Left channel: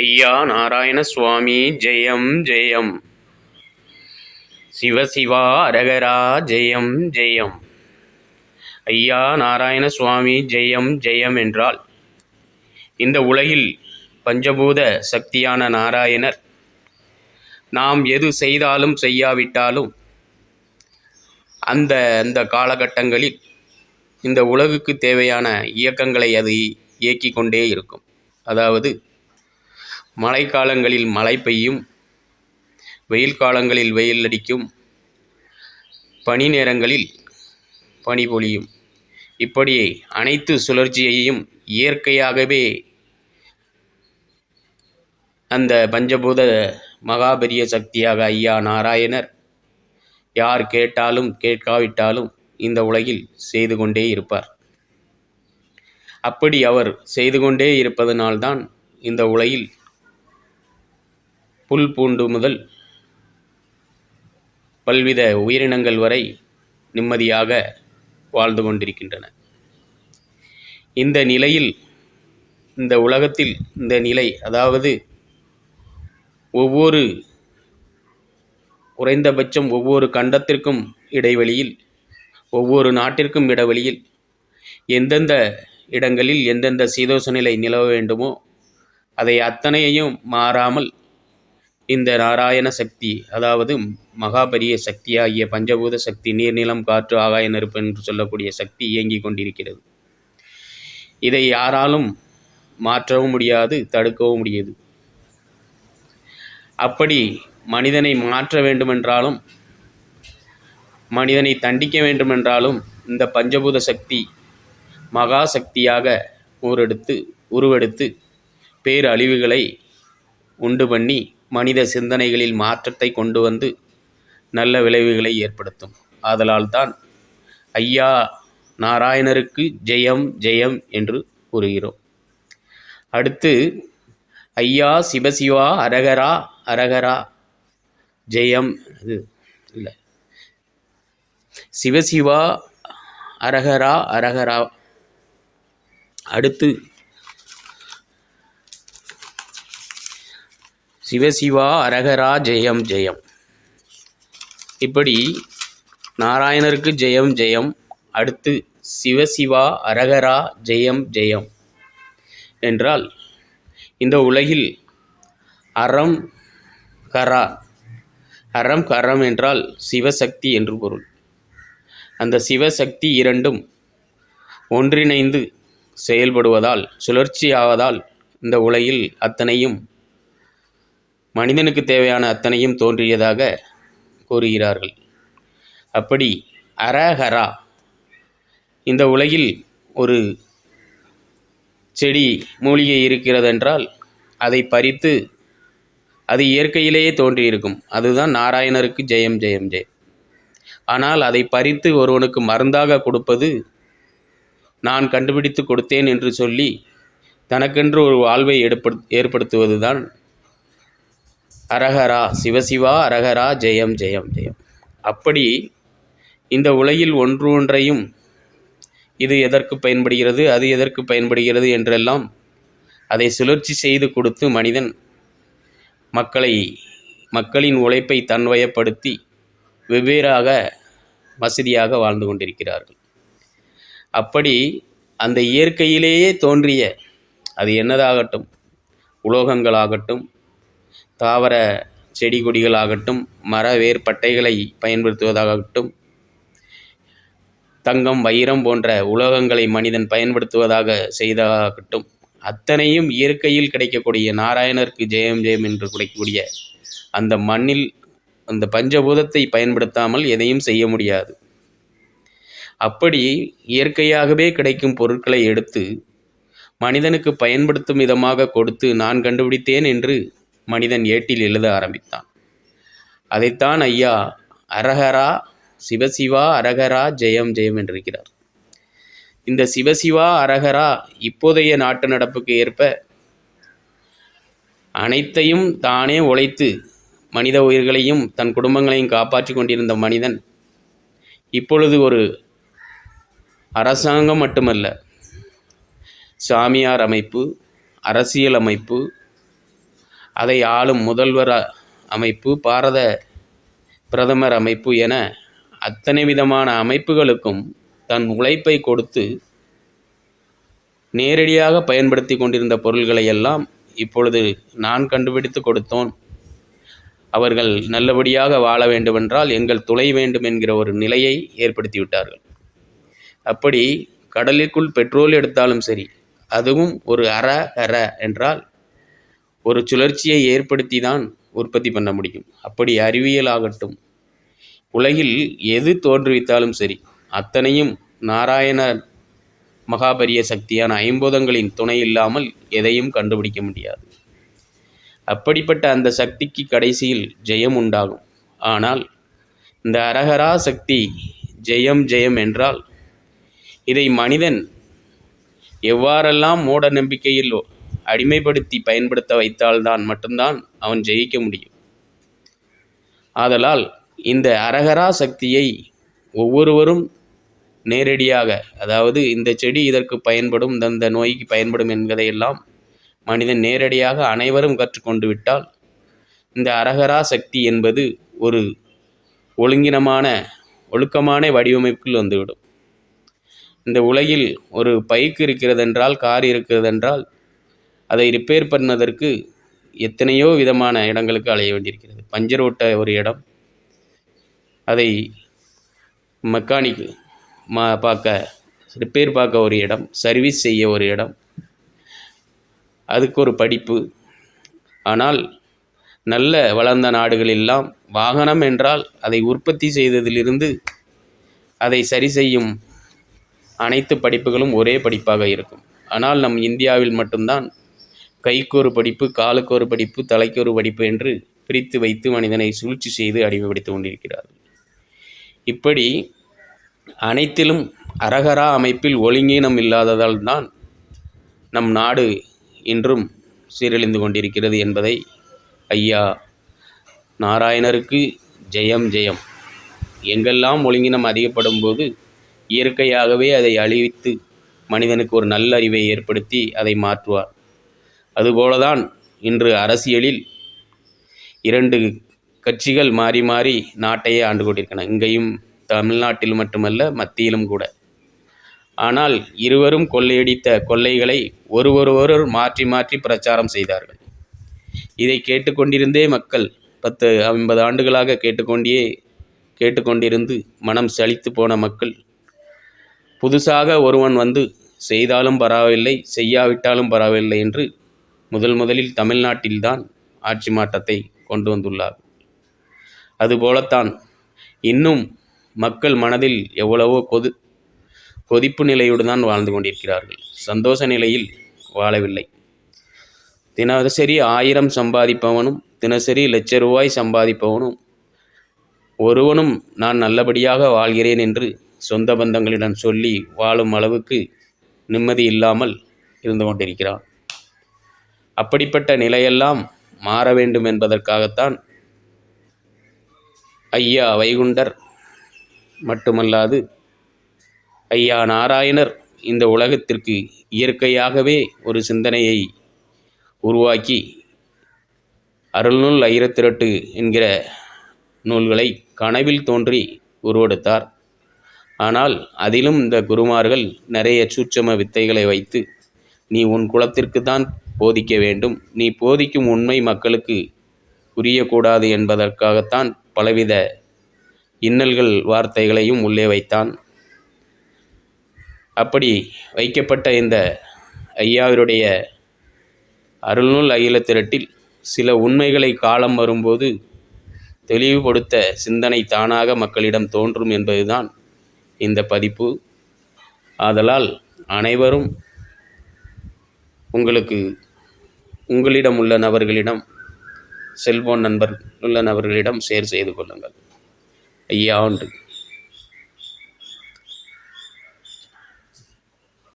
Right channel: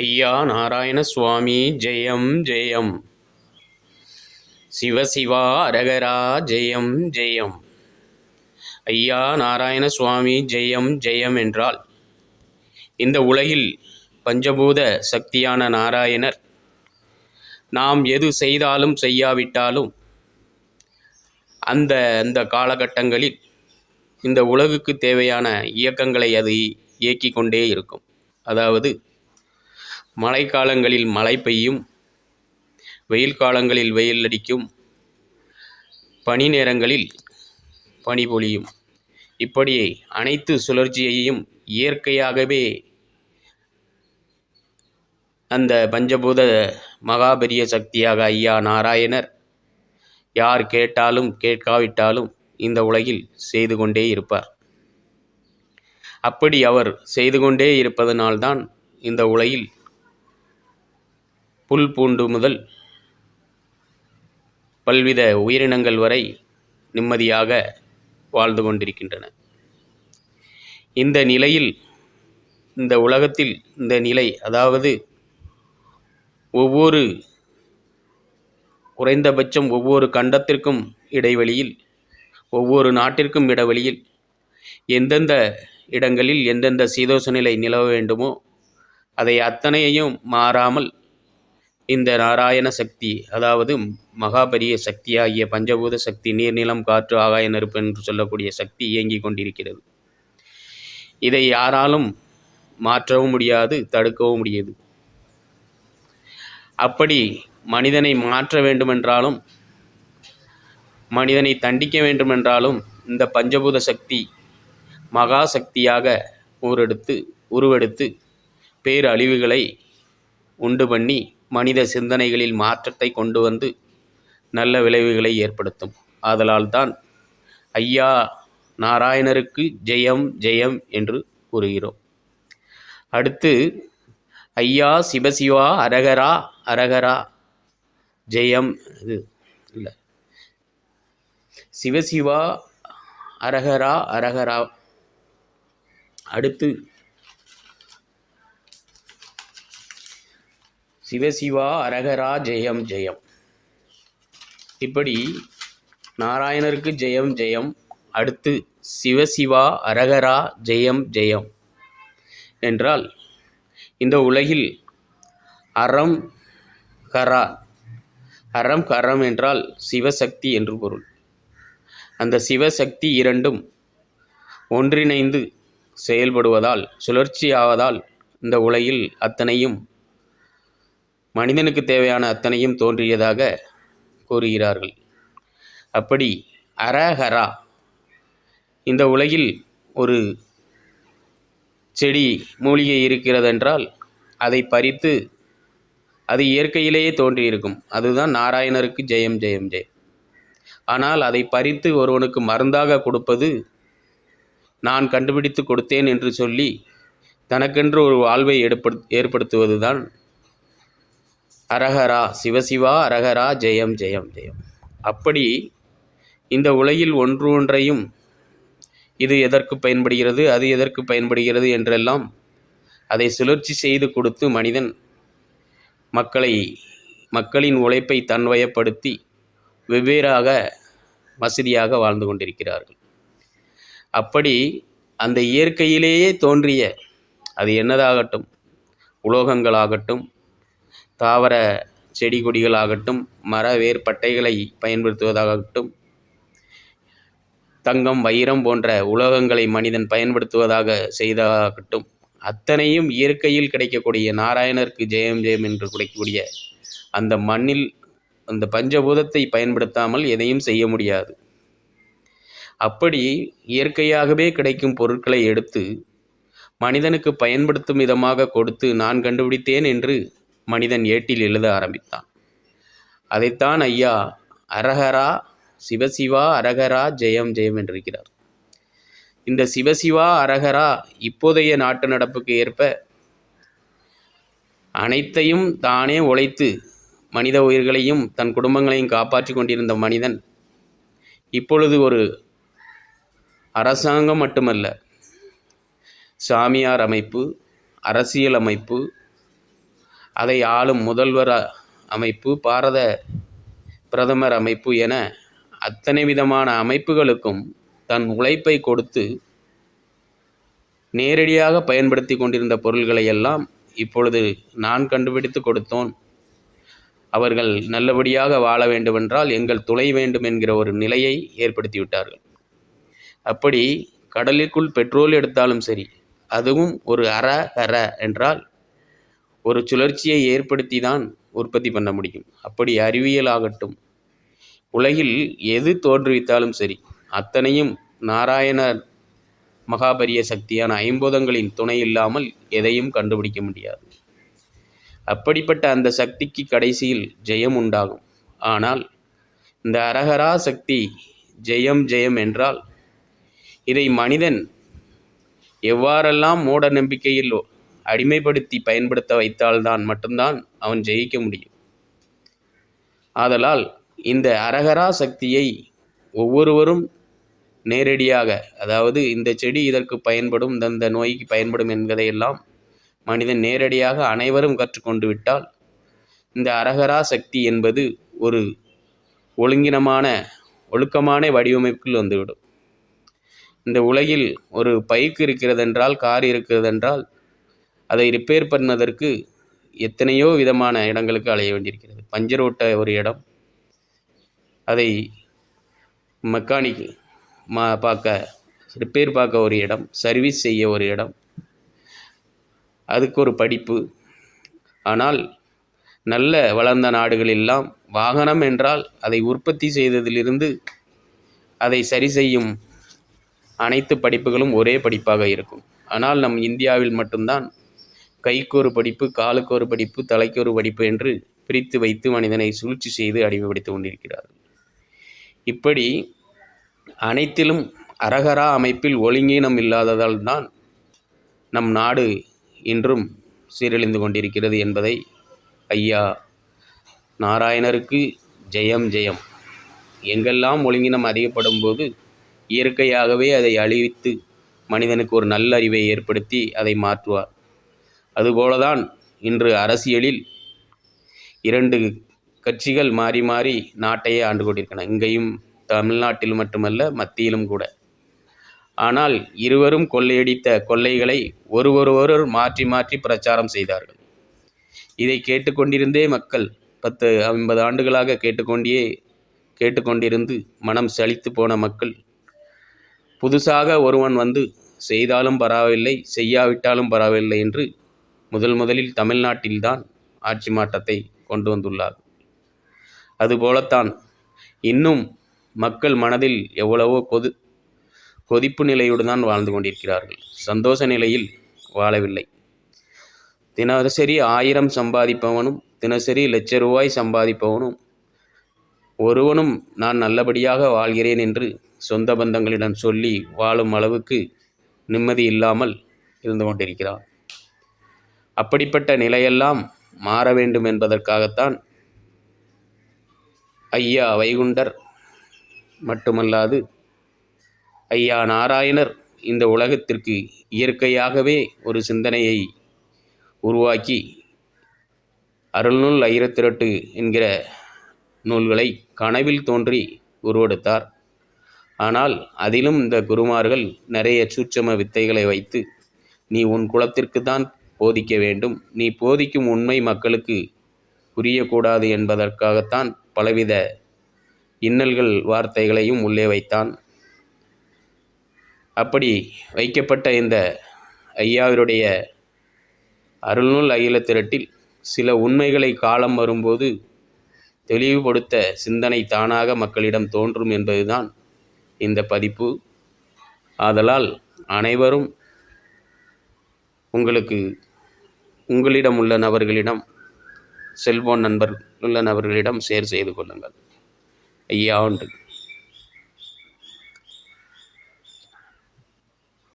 ஐயா நாராயண சுவாமி ஜெயம் ஜெயம். சிவசிவா அரகரா ஜெயம் ஜெயம். ஐயா நாராயண சுவாமி ஜெயம் ஜெயம் என்றால் இந்த உலகில் பஞ்சபூத சக்தியான நாராயணர் நாம் எது செய்தாலும் செய்யாவிட்டாலும் அந்த அந்த காலகட்டங்களில் இந்த உலகுக்கு தேவையான இயக்கங்களை அது இயக்கிக் கொண்டே இருக்கும். அதாவது மழைக்காலங்களில் மழை பெய்யும், வெயில் காலங்களில் வெயில் அடிக்கும், பனி நேரங்களில் பனி பொழியும். இப்படி அனைத்து சுழற்சியையும் இயற்கையாகவே அந்த பஞ்சபூத மகாபெரிய சக்தியாக ஐயா நாராயணர் யார் கேட்டாலும் கேட்காவிட்டாலும் இந்த உலகில் செய்து கொண்டே இருப்பார். அப்படி அவர் செய்து கொண்டே இருப்பதனால்தான் இந்த உலகில் புல் பூண்டு முதல் பல்வித உயிரினங்கள் வரை நிம்மதியாக வாழ்ந்து கொண்டிருக்கின்றன. இந்த நிலையில் இந்த உலகத்தில் இந்த நிலை, அதாவது ஒவ்வொரு குறைந்தபட்சம் ஒவ்வொரு கண்டத்திற்கும் இடைவெளியில், ஒவ்வொரு நாட்டிற்கும் இடைவெளியில் எந்தெந்த இடங்களில் எந்தெந்த சீதோஷ நிலை நிலவ வேண்டுமோ அதை அத்தனையையும் மாறாமல் இந்த நாராயண சக்தி, அதாவது மகாபரிய சக்தியாகிய பஞ்சபூத சக்தி, நீர் நிலம் காற்று ஆகாய நெருப்பு என்று சொல்லக்கூடிய சக்தி இயங்கிக் கொண்டிருக்கிறது. இதை யாராலும் மாற்றவும் முடியாது, தடுக்கவும் முடியாது. அப்படி மனிதனை மாற்ற வேண்டுமென்றாலும் மனிதனை தண்டிக்க வேண்டுமென்றாலும் இந்த பஞ்சபூத சக்தி மகா சக்தியாக உருவெடுத்து பேரழிவுகளை உண்டு பண்ணி மனித சிந்தனைகளில் மாற்றத்தை கொண்டு வந்து நல்ல விளைவுகளை ஏற்படுத்தும். ஆதலால் தான் ஐயா நாராயணருக்கு ஜெயம் ஜெயம் என்று கூறுகிறோம். அடுத்து ஐயா சிவசிவா அரகரா அரகரா ஜெயம். இது இல்லை, சிவசிவா அரகரா அரகரா. அடுத்து சிவசிவா அரகரா ஜெயம் ஜெயம். இப்படி நாராயணருக்கு ஜெயம் ஜெயம். அடுத்து சிவசிவா அரகரா ஜெயம் ஜெயம் என்றால் இந்த உலகில் அறம் கரா, அறம் கரம் என்றால் சிவசக்தி என்று பொருள். அந்த சிவசக்தி இரண்டும் ஒன்றிணைந்து செயல்படுவதால், சுழற்சியாவதால் இந்த உலகில் அத்தனையும் மனிதனுக்கு தேவையான அத்தனையும் தோன்றியதாக கூறுகிறார்கள். அப்படி அரஹரா, இந்த உலகில் ஒரு செடி மூலிகை இருக்கிறதென்றால் அதை பறித்து, அது இயற்கையிலேயே தோன்றியிருக்கும், அதுதான் நாராயணருக்கு ஜெயம் ஜெயம் ஜெயம். ஆனால் அதை பறித்து ஒருவனுக்கு மருந்தாக கொடுப்பது, நான் கண்டுபிடித்து கொடுத்தேன் என்று சொல்லி தனக்கென்று ஒரு வாழ்வை ஏற்படுத்துவது தான் அரஹரா. சிவசிவா அரஹரா ஜெயம் ஜெயம் ஜெயம். அப்படி இந்த உலகில் ஒன்று ஒன்றையும் இது எதற்கு பயன்படுகிறது, அது எதற்கு பயன்படுகிறது என்றெல்லாம் அதை சுழற்சி செய்து கொடுத்து மனிதன் மக்களின் உழைப்பை தன்வயப்படுத்தி வெவ்வேறாக வசதியாக வாழ்ந்து கொண்டிருக்கிறார்கள். அப்படி அந்த இயற்கையிலேயே தோன்றிய, அது என்னதாகட்டும், உலோகங்களாகட்டும், தாவர செடி கொடிகளாகட்டும், மர வேர்பட்டைகளை பயன்படுத்துவதாகட்டும், தங்கம் வைரம் போன்ற உலோகங்களை மனிதன் பயன்படுத்துவதாக செய்ததாகட்டும், அத்தனையும் இயற்கையில் கிடைக்கக்கூடிய நாராயணருக்கு ஜெயம் ஜெயம் என்று கிடைக்கக்கூடிய அந்த மண்ணில் அந்த பஞ்சபூதத்தை பயன்படுத்தாமல் எதையும் செய்ய முடியாது. அப்படி இயற்கையாகவே கிடைக்கும் பொருட்களை எடுத்து மனிதனுக்கு பயன்படுத்தும் விதமாக கொடுத்து, நான் கண்டுபிடித்தேன் என்று மனிதன் ஏட்டில் எழுத ஆரம்பித்தான். அதைத்தான் ஐயா அரஹரா சிவசிவா அரகரா ஜெயம் ஜெயம் என்றிருக்கிறார். இந்த சிவசிவா அரகரா இப்போதைய நாட்டு நடப்புக்கு ஏற்ப அனைத்தையும் தானே உழைத்து மனித உயிர்களையும் தன் குடும்பங்களையும் காப்பாற்றி கொண்டிருந்த மனிதன் இப்பொழுது ஒரு அரசாங்கம் மட்டுமல்ல, சாமியார் அமைப்பு, அரசியல் அமைப்பு, அதை ஆளும் முதல்வர் அமைப்பு, பாரத பிரதமர் அமைப்பு என அத்தனை விதமான அமைப்புகளுக்கும் தன் உழைப்பை கொடுத்து நேரடியாக பயன்படுத்தி கொண்டிருந்த பொருள்களை எல்லாம் இப்பொழுது நான் கண்டுபிடித்து கொடுத்தோம், அவர்கள் நல்லபடியாக வாழ வேண்டுமென்றால் எங்கள் துணை வேண்டும் என்கிற ஒரு நிலையை ஏற்படுத்தி விட்டார்கள். அப்படி கடலுக்குள் பெட்ரோல் எடுத்தாலும் சரி, அதுவும் ஒரு அற என்றால் ஒரு சுழற்சியை ஏற்படுத்தி தான் உற்பத்தி பண்ண முடியும். அப்படி அறிவியல் ஆகட்டும், உலகில் எது தோன்றுவித்தாலும் சரி, அத்தனையும் நாராயண மகாபரிய சக்தியான ஐம்பூதங்களின் துணை இல்லாமல் எதையும் கண்டுபிடிக்க முடியாது. அப்படிப்பட்ட அந்த சக்திக்கு கடைசியில் ஜெயம் உண்டாகும். ஆனால் இந்த அரகரா சக்தி ஜெயம் ஜெயம் என்றால் இதை மனிதன் எவ்வாறெல்லாம் மூட நம்பிக்கையில் அடிமைப்படுத்தி பயன்படுத்த வைத்தால்தான் மட்டும்தான் அவன் ஜெயிக்க முடியும். ஆதலால் இந்த அரகரா சக்தியை ஒவ்வொருவரும் நேரடியாக, அதாவது இந்த செடி இதற்கு பயன்படும், இந்த நோய்க்கு பயன்படும் என்பதையெல்லாம் மனிதன் நேரடியாக அனைவரும் கற்றுக்கொண்டு விட்டால் இந்த அரகரா சக்தி என்பது ஒரு ஒழுக்கமான வடிவமைப்பில் வந்துவிடும். இந்த உலகில் ஒரு பைக் இருக்கிறதென்றால், கார் இருக்கிறதென்றால் அதை ரிப்பேர் பண்ணுவதற்கு எத்தனையோ விதமான இடங்களுக்கு அலைய வேண்டியிருக்கிறது. பஞ்சர் ஓட்ட ஒரு இடம், அதை மெக்கானிக் ரிப்பேர் பார்க்க ஒரு இடம், சர்வீஸ் செய்ய ஒரு இடம், அதுக்கு ஒரு படிப்பு. ஆனால் நல்ல வளர்ந்த நாடுகளெல்லாம் வாகனம் என்றால் அதை உற்பத்தி செய்ததிலிருந்து அதை சரி செய்யும் அனைத்து படிப்புகளும் ஒரே படிப்பாக இருக்கும். ஆனால் நம் இந்தியாவில் மட்டும்தான் கைக்கு ஒரு படிப்பு, காலுக்கு ஒரு படிப்பு, தலைக்கு ஒரு படிப்பு என்று பிரித்து வைத்து மனிதனை சூழ்ச்சி செய்து அடிமைப்படுத்தி கொண்டிருக்கிறார்கள். இப்படி அனைத்திலும் அரகரா அமைப்பில் ஒழுங்கீனம் இல்லாததால் தான் நம் நாடு இன்றும் சீரழிந்து கொண்டிருக்கிறது என்பதை ஐயா நாராயணருக்கு ஜெயம் ஜெயம். எங்கெல்லாம் ஒழுங்கினம் அதிகப்படும் போது இயற்கையாகவே அதை அழித்து மனிதனுக்கு ஒரு நல்ல அறிவை ஏற்படுத்தி அதை மாற்றுவார். அதுபோலதான் இன்று அரசியலில் 2 கட்சிகள் மாறி மாறி நாட்டையே ஆண்டு கொண்டிருக்கின்றன. இங்கேயும் தமிழ்நாட்டில் மட்டுமல்ல, மத்தியிலும் கூட. ஆனால் இருவரும் கொள்ளையடித்த கொள்ளைகளை ஒருவர் மாற்றி மாற்றி பிரச்சாரம் செய்தார்கள். இதை கேட்டுக்கொண்டிருந்தே மக்கள் 10-50 ஆண்டுகளாக கேட்டுக்கொண்டிருந்து மனம் சலித்து போன மக்கள் புதுசாக ஒருவன் வந்து செய்தாலும் பரவாயில்லை, செய்யாவிட்டாலும் பரவாயில்லை என்று முதலில் தமிழ்நாட்டில்தான் ஆட்சி மாற்றத்தை கொண்டு வந்துள்ளார். அதுபோலத்தான் இன்னும் மக்கள் மனதில் எவ்வளவோ கொதிப்பு நிலையோடு தான் வாழ்ந்து கொண்டிருக்கிறார்கள். சந்தோஷ நிலையில் வாழவில்லை. தினசரி 1000 சம்பாதிப்பவனும் தினசரி ₹1,00,000 சம்பாதிப்பவனும் ஒருவனும் நான் நல்லபடியாக வாழ்கிறேன் என்று சொந்த பந்தங்களிடம் சொல்லி வாழும் அளவுக்கு நிம்மதி இல்லாமல் இருந்து கொண்டிருக்கிறான். அப்படிப்பட்ட நிலையெல்லாம் மாற வேண்டும் என்பதற்காகத்தான் ஐயா வைகுண்டர் மட்டுமல்லாது ஐயா நாராயணர் இந்த உலகத்திற்கு இயற்கையாகவே ஒரு சிந்தனையை உருவாக்கி அருள்நூல் 1008 என்கிற நூல்களை கனவில் தோன்றி உருவெடுத்தார். ஆனால் அதிலும் இந்த குருமார்கள் நிறைய சூட்சம வித்தைகளை வைத்து, நீ உன் குலத்திற்கு தான் போதிக்க வேண்டும், நீ போதிக்கும் உண்மை மக்களுக்கு புரியக்கூடாது என்பதற்காகத்தான் பலவித இன்னல்கள் வார்த்தைகளையும் உள்ளே வைத்தான். அப்படி வைக்கப்பட்ட இந்த ஐயாவினுடைய அருள்நூல் 1008 சில உண்மைகளை காலம் வரும்போது தெளிவுபடுத்த சிந்தனை தானாக மக்களிடம் தோன்றும் என்பதுதான் இந்த பதிப்பு. ஆதலால் அனைவரும் உங்களிடம் உள்ள நபர்களிடம், செல்போன் நண்பர் உள்ள நபர்களிடம் ஷேர் செய்து கொள்ளுங்கள். ஐயா உண்டு.